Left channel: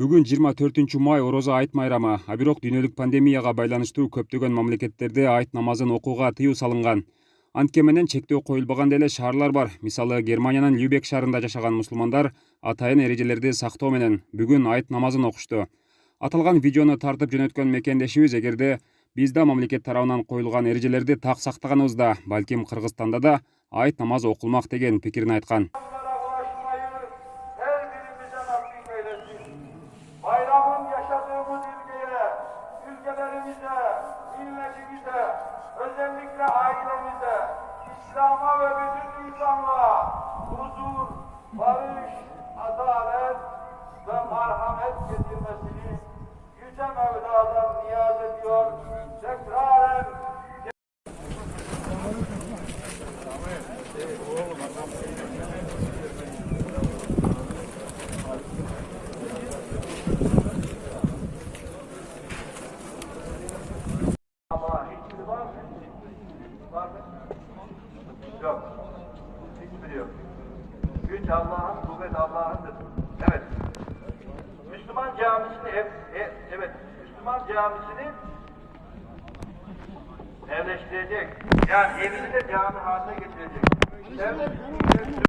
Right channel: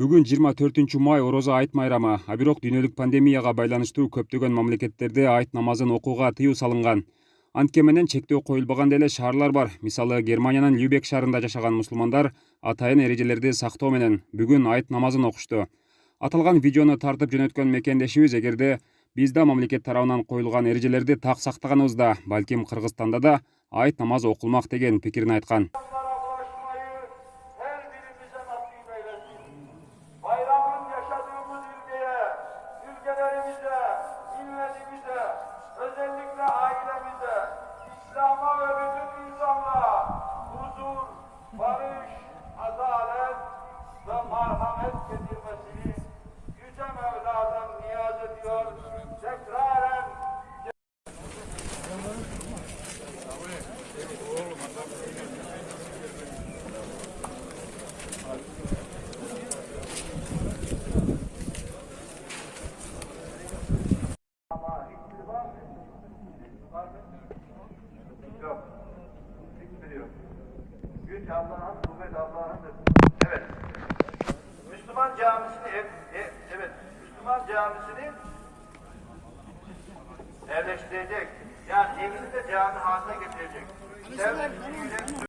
Бүгүн 24 май Орозо айт майрамы. А бирок дүйнөлүк пандемияга байланыштуу көптөгөн мамлекеттерде айт намазын окууга тыюу салынган. Антке менен чектөө коюлбаган деле шаарлар бар. Мисалы Германиянын Любек шаарында жашаган мусулмандар атайын эрежелерди сактоо менен бүгүн айт намазын окушту. Аталган видеону тартып жөнөткөн мекендешибиз эгерде биз да мамлекет тарабынан коюлган эрежелерди так сактаганыбызда, балким Кыргызстанда да айт намазы окулмак деген пикирин айткан. Bayramın yaşadığımız ülkelerimize, milletimize, özellikle ailemize, İslam'a ve bütün insanlığa huzur, barış, adalet ve merhamet getirmesini Yüce Mevla'dan niyaz ediyor. Tekraren yok. Hiçbiri yok. Güç Allah'ın, kuvvet Allah'ındır. Evet. Müslüman camisini evet. Müslüman camisini evleştirecek. Yani evini de cami haline getirecek. Devlet